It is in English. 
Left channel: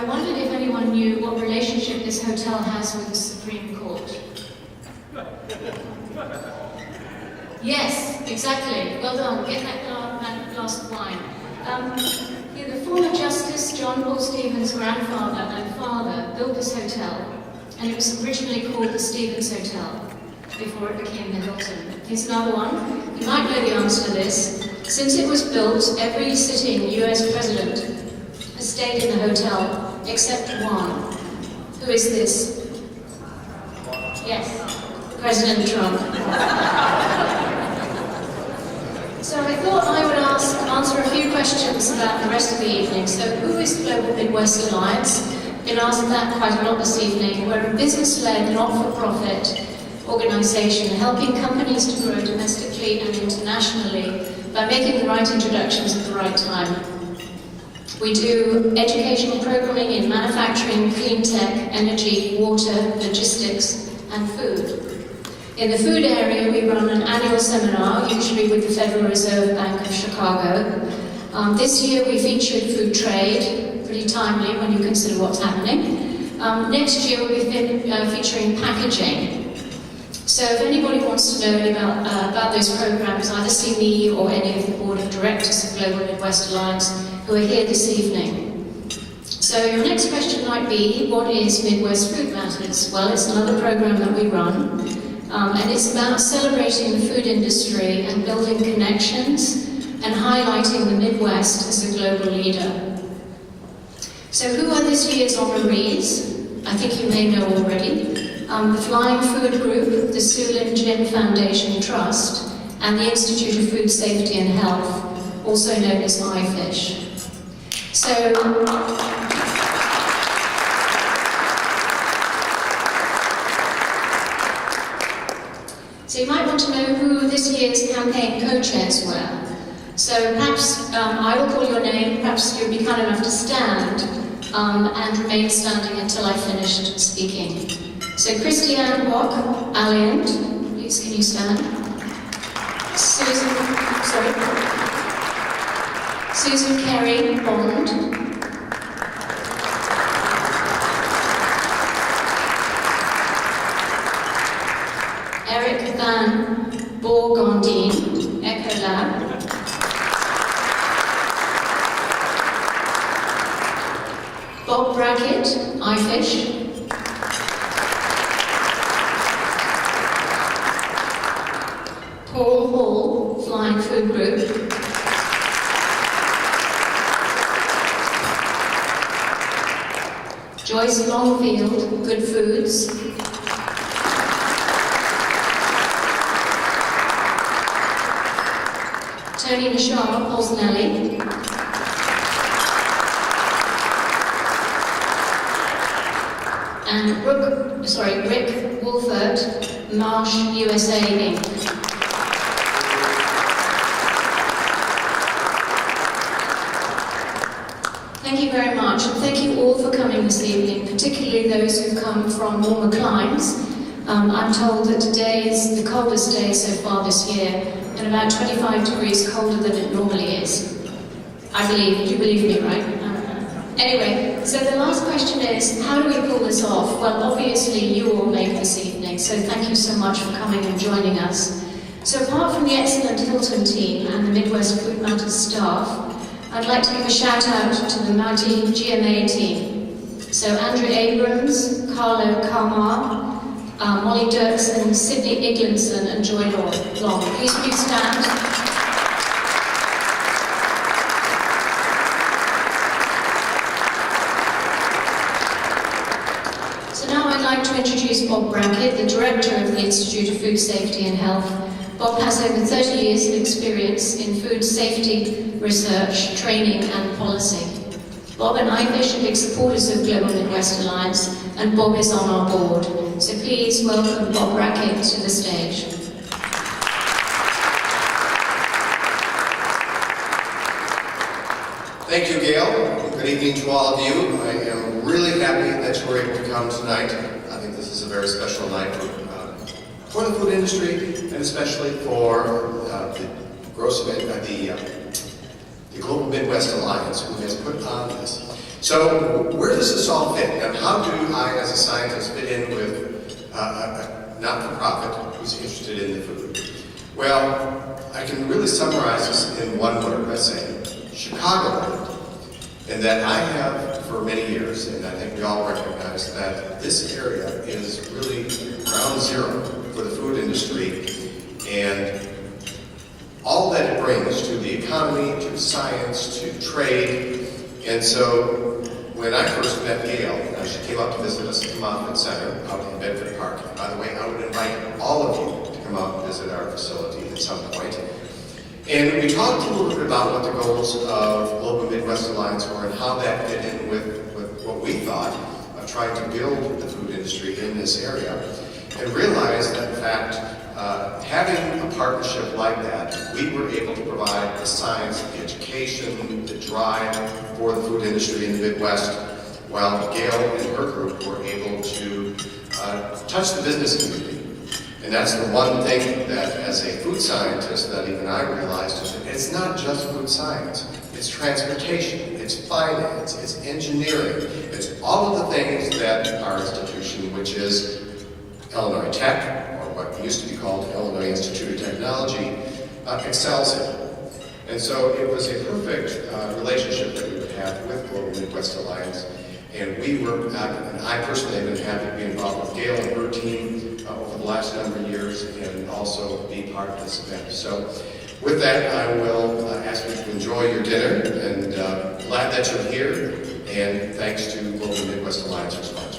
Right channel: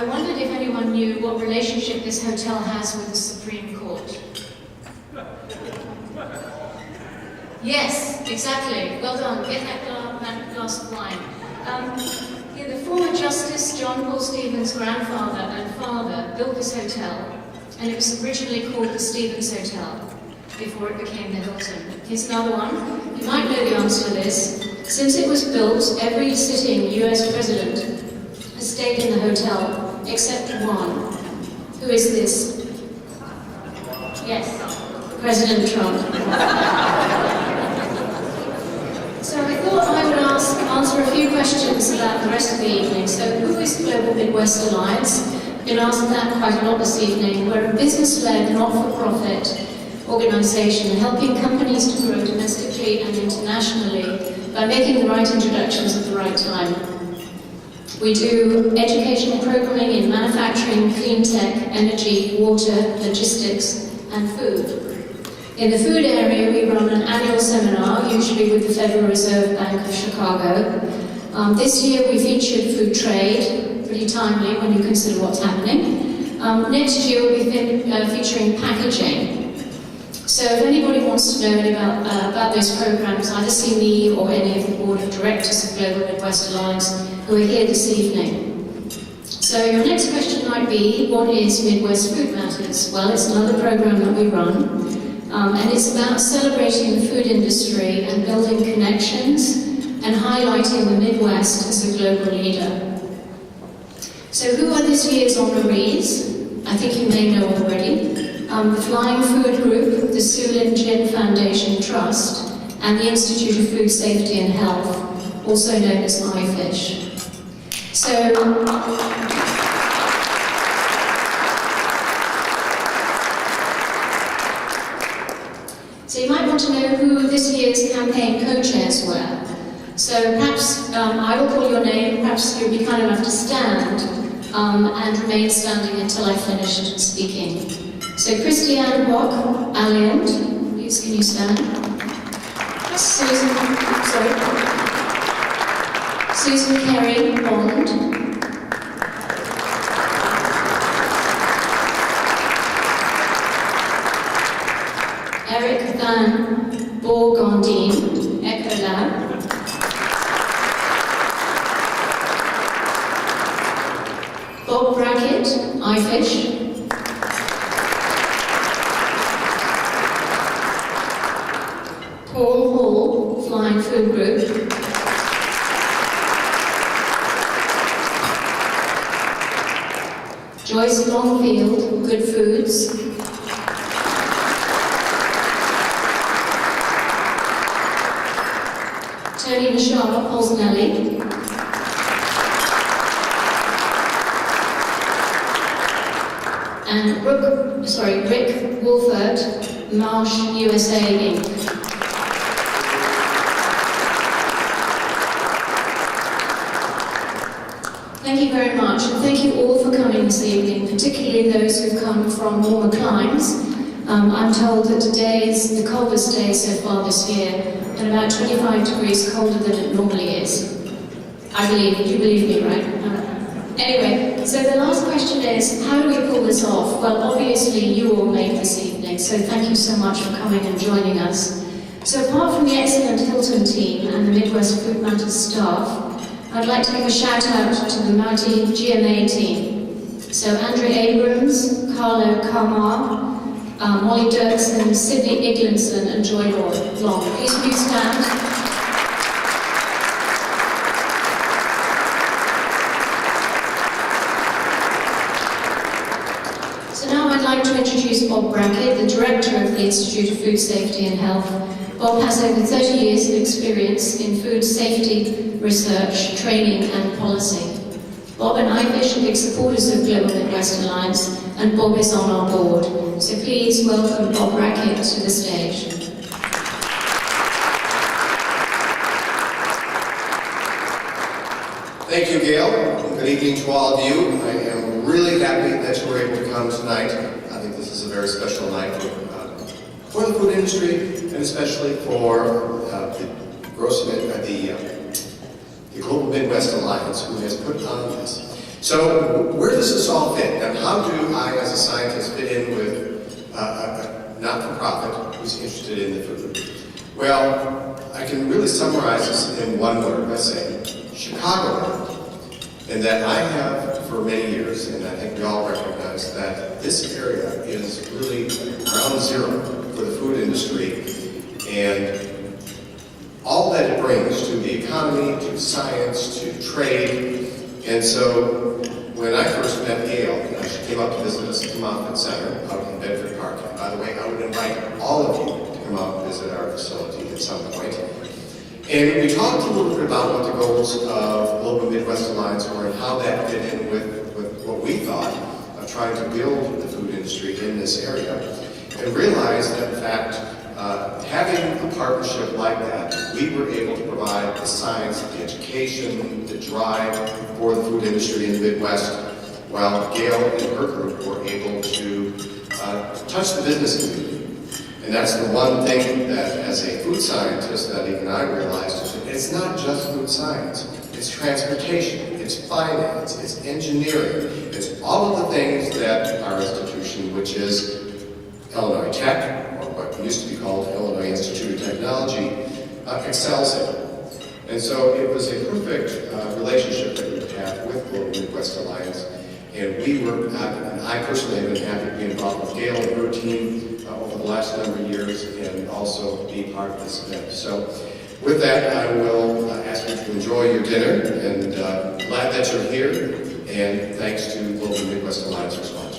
I wondered if anyone knew what relationship this hotel has with the Supreme Court. Yes, exactly. Well done. Get that glass of wine. The former Justice John Paul Stevens' grandfather and father built this hotel, and it was originally called the Stevens Hotel before it became the Hilton. Here's another one. You might know the answer to this. Since it was built, every sitting US president has stayed in the hotel except one. Who is this? Yes, President Trump. So I thought I would answer a few questions about the rest of the evening. So who is Global Midwest Alliance? Been asked that quite a lot this evening. We're a business-led, not-for-profit organization helping companies to grow domestically and internationally by making the right introductions at the right time. We do educational programming in manufacturing, clean tech, energy, water, logistics, and food. In the food area, we run an annual seminar, usually with the Federal Reserve Bank of Chicago. This year we featured food trade, pretty timely when you consider what's happening. Next year we'll be featuring packaging. So if anybody wants to know about those programs, either see me or any of the board of directors of Global Midwest Alliance who are here this evening. So your next question might be, what is Midwest Food Matters? Well, it's another program that we run, and it's about celebrating the food industry and building connections and highlighting the Midwest as a global leader. So who are this year's honorees? I think you may know already. The Flying Food Group, the Sulin Gin Foundation Trust, and the Institute of Food Safety and Health, also known as IFISH. So you might want to know who this year's campaign co-chairs were. So perhaps I will call your name, perhaps you'll be kind enough to stand and remain standing until I finished speaking. So Christiane Bock, Alliant, please can you stand? Susan Kerry, Bond. Eric Van Bourgondine, Ecolab. Bob Brackett, IFISH. Paul Hall, Flying Food Group. Joyce Longfield, Good Foods. Tony Nashar, Polsnelli. And Rick Wolfert, Marsh USA Inc. Thank you very much, and thank you all for coming this evening, particularly those who've come from warmer climes. I'm told that today is the coldest day so far this year, and about 25 degrees colder than it normally is. I believe, you believe me, right? Anyway, so the last question is, how do we pull this off? Well, obviously you all made this evening, so thank you so much for coming and joining us. So apart from the excellent Hilton team and the Midwest Food Matters staff, I'd like to give a shout out to the mighty GMA team. So Andrew Abrams, Carlo Kamar, Molly Dirksen, Sydney Iglinson, and Joy Long. Please will you stand? So now I'd like to introduce Bob Brackett, the Director of the Institute of Food Safety and Health. Bob has over 30 years of experience in food safety research, training and policy. Bob and IFISH are big supporters of Global Midwest Alliance, and Bob is on our board. So please welcome Bob Brackett to the stage. Thank you, Gail. Good evening to all of you. I am really happy that you were able to come tonight. I think this is a very special night for the food industry, and especially for the Global Midwest Alliance, who has put on this. So where does this all fit? And how do I, as a scientist, fit in with a not-for-profit who's interested in the food? Well, I can really summarize this in one word by saying Chicagoland. And that I have for many years, and I think we all recognize that this area is really ground zero for the food industry and all that it brings to the economy, to science, to trade. And so when I first met Gail, she came out to visit us at the Moffitt Center out in Bedford Park. And by the way, I would invite all of you to come out and visit our facility at some point. And we talked a little bit about what the goals of Global Midwest Alliance were and how that fit in with what we thought of trying to build the food industry in this area. And realized that, in fact, having a partnership like that, we were able to provide the science, the education, the drive for the food industry in the Midwest, while Gail and her group were able to touch the business community. And that's the one thing that, as a food scientist, that even I realized is that it's not just food science. It's transportation, it's finance, it's engineering, it's all of the things that our institution, which is Illinois Tech, or what used to be called Illinois Institute of Technology, excels in. And so it was a perfect relationship that we would have with Global Midwest Alliance. And we were, and I personally have been happy to be involved with Gail and her team over the last number of years and also be part of this event. So with that, I will ask you to enjoy your dinner and glad that you're here. And thanks to Global Midwest Alliance for sponsoring.